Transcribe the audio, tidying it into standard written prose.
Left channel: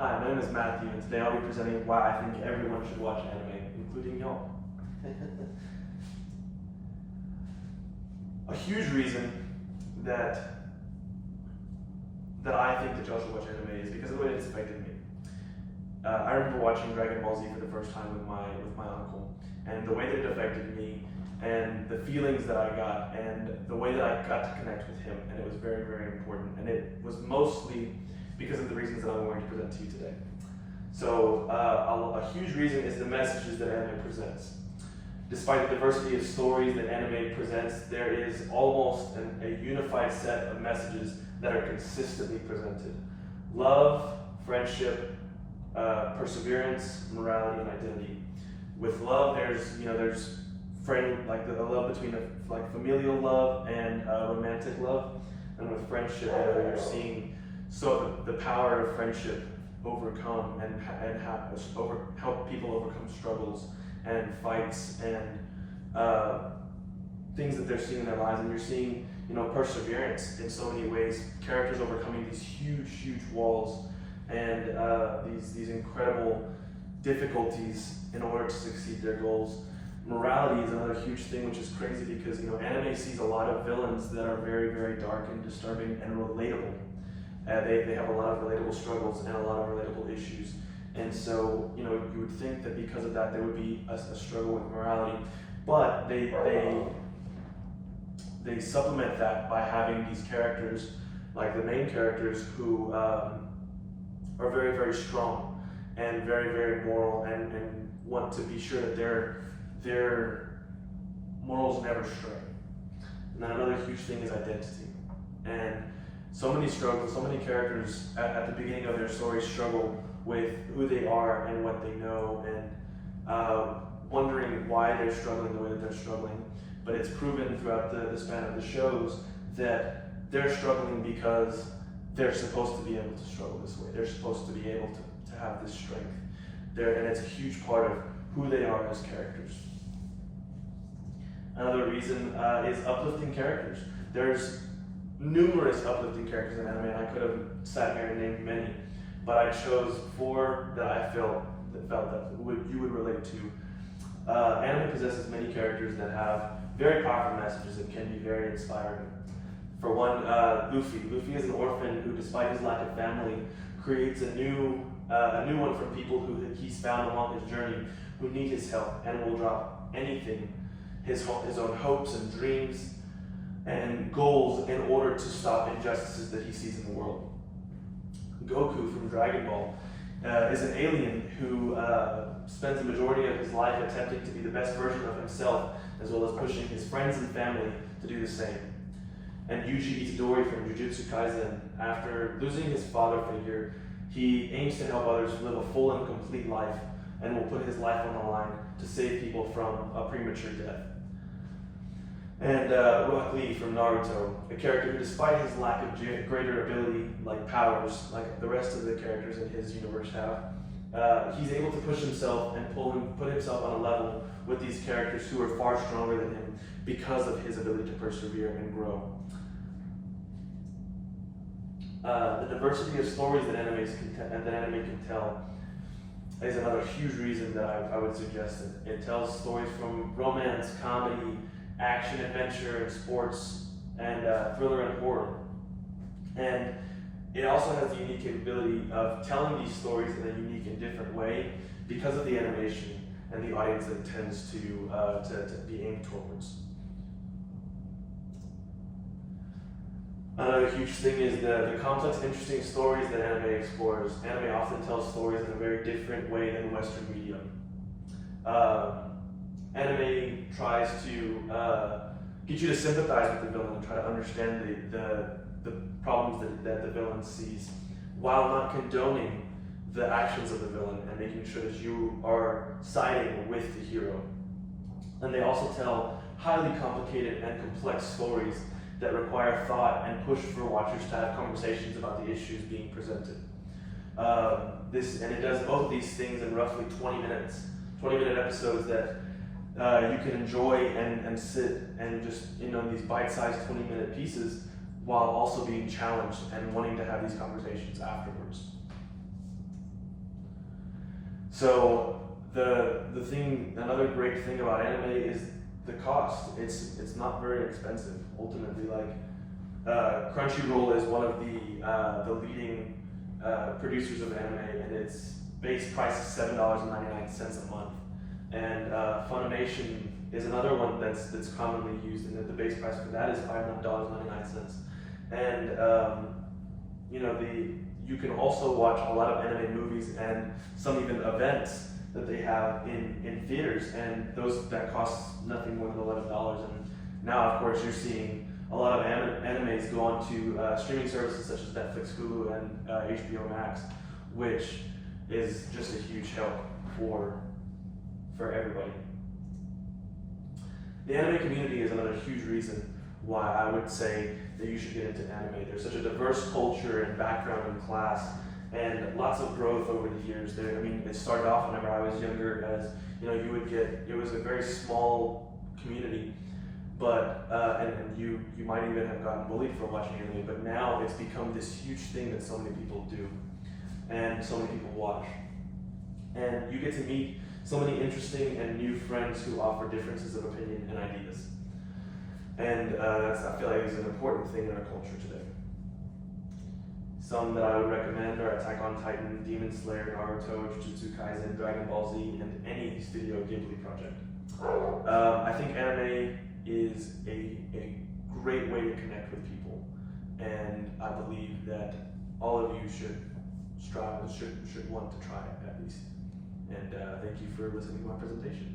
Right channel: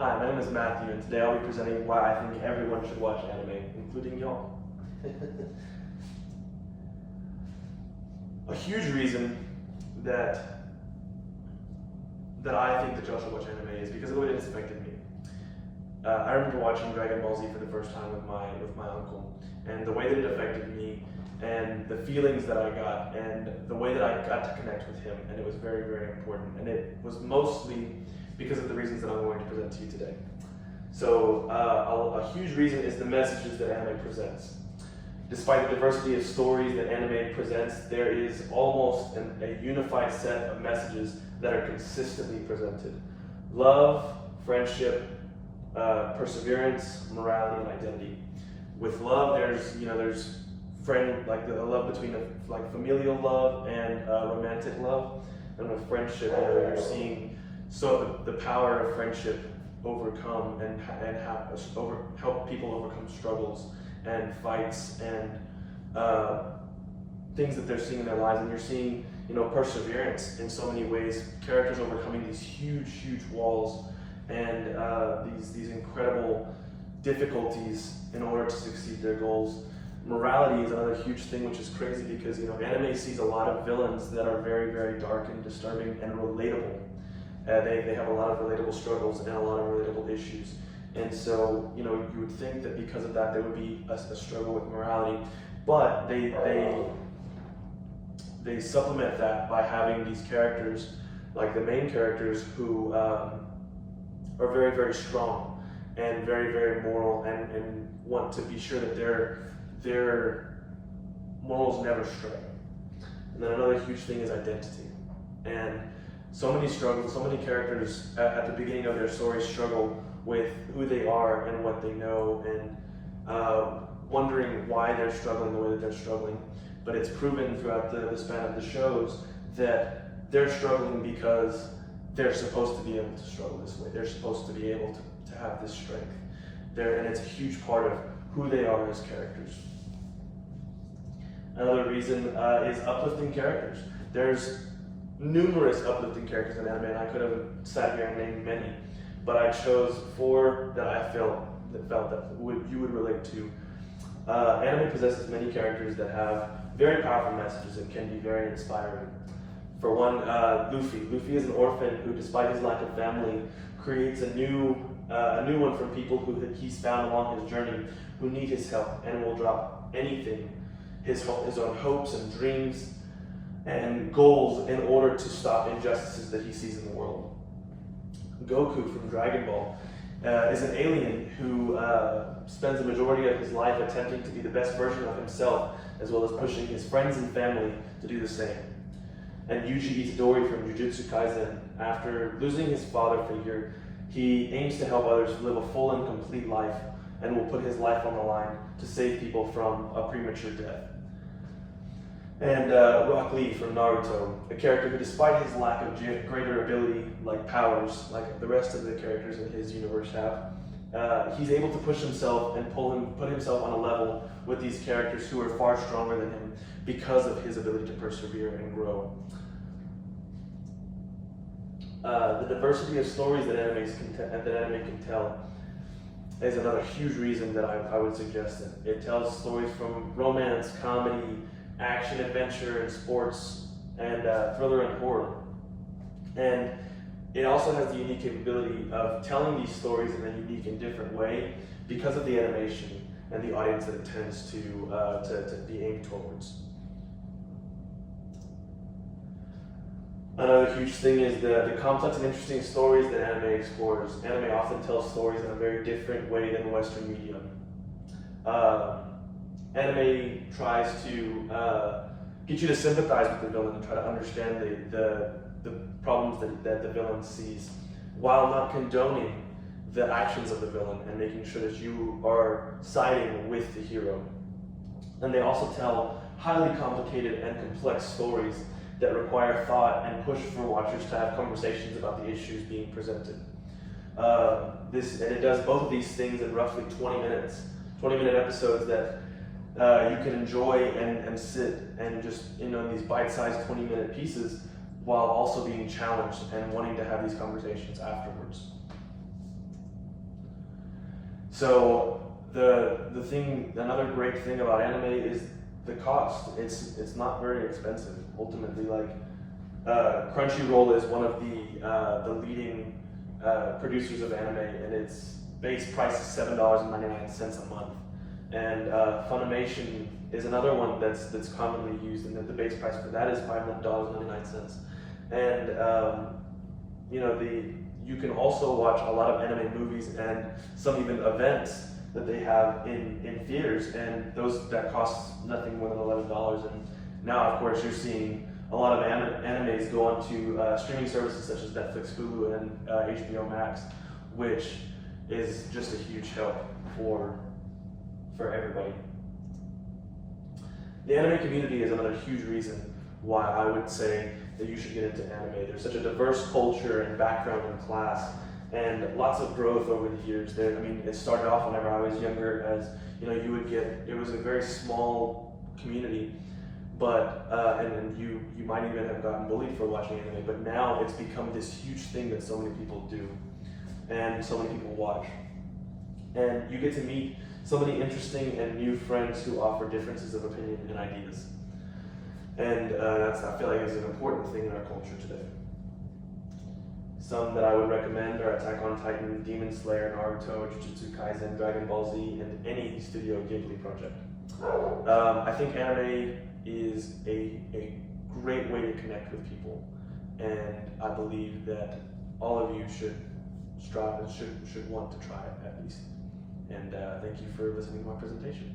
Hi, my name is Matthew, and today I'll be presenting why I think everyone should watch anime, including y'all. A huge reason that I think that y'all should watch anime is because of the way it's affected me. I remember watching Dragon Ball Z for the first time with my uncle, and the way that it affected me, and the feelings that I got, and the way that I got to connect with him, and it was very, very important. And it was mostly because of the reasons that I'm going to present to you today. So a huge reason is the messages that anime presents. Despite the diversity of stories that anime presents, there is almost a unified set of messages that are consistently presented. Love, friendship, perseverance, morality, and identity. With love, there's the love between familial love and romantic love, and with friendship, you're seeing the power of friendship overcome and help people overcome struggles and fights and things that they're seeing in their lives, and you're seeing perseverance in so many ways. Characters overcoming these huge walls and these incredible difficulties in order to succeed their goals. Morality is another huge thing, which is crazy because anime sees a lot of villains that are very, very dark and disturbing and relatable. They have a lot of relatable struggles and a lot of relatable issues, and so you would think that because of that there would be a struggle with morality, but they supplement that by having these characters, like the main characters, who are very, very strong and very, very moral and want to be sure that their morals never stray. And then another huge thing is identity. And so many characters at the beginning of their story struggle with who they are and what they know, and wondering why they're struggling the way that they're struggling. But it's proven throughout the span of the shows that they're struggling because they're supposed to be able to struggle this way. They're supposed to be able to have this strength. And it's a huge part of who they are as characters. Another reason is uplifting characters. There's numerous uplifting characters in anime, and I could have sat here and named many, but I chose 4 that I felt that you would relate to. Anime possesses many characters that have very powerful messages that can be very inspiring. For one, Luffy. Luffy is an orphan who, despite his lack of family, creates a new one from people who he's found along his journey who need his help and will drop anything, his own hopes and dreams and goals, in order to stop injustices that he sees in the world. Goku from Dragon Ball is an alien who spends the majority of his life attempting to be the best version of himself, as well as pushing his friends and family to do the same. And Yuji Itadori from Jujutsu Kaisen, after losing his father figure, he aims to help others live a full and complete life, and will put his life on the line to save people from a premature death. And Rock Lee from Naruto, a character who, despite his lack of greater ability, like powers, like the rest of the characters in his universe have, he's able to push himself and put himself on a level with these characters who are far stronger than him because of his ability to persevere and grow. The diversity of stories that anime can tell is another huge reason that I would suggest it. It tells stories from romance, comedy, action, adventure, and sports, and thriller and horror. And it also has the unique capability of telling these stories in a unique and different way because of the animation and the audience that it tends to be aimed towards. Another huge thing is the complex and interesting stories that anime explores. Anime often tells stories in a very different way than Western media. Anime tries to get you to sympathize with the villain and try to understand the problems that the villain sees, while not condoning the actions of the villain and making sure that you are siding with the hero. And they also tell highly complicated and complex stories that require thought and push for watchers to have conversations about the issues being presented. And it does both of these things in roughly 20-minute episodes that you can enjoy and sit and just these bite-sized 20-minute pieces, while also being challenged and wanting to have these conversations afterwards. So another great thing about anime is the cost. It's not very expensive. Ultimately, like Crunchyroll is one of the leading producers of anime, and its base price is $7.99 a month. And Funimation is another one that's commonly used, and the base price for that is $5.99. And you can also watch a lot of anime movies and some even events that they have in theaters, and that costs nothing more than $11. And now, of course, you're seeing a lot of animes go onto streaming services such as Netflix, Hulu, and HBO Max, which is just a huge help for everybody. The anime community is another huge reason why I would say that you should get into anime. There's such a diverse culture and background and class, and lots of growth over the years. It started off whenever I was younger as, it was a very small community, but and you might even have gotten bullied for watching anime, but now it's become this huge thing that so many people do, and so many people watch. And you get to meet so many interesting and new friends who offer differences of opinion and ideas. And I feel like is an important thing in our culture today. Some that I would recommend are Attack on Titan, Demon Slayer, Naruto, Jujutsu Kaisen, Dragon Ball Z, and any Studio Ghibli project. I think anime is a great way to connect with people, and I believe that all of you should strive and should want to try it at least. And thank you for listening to my presentation.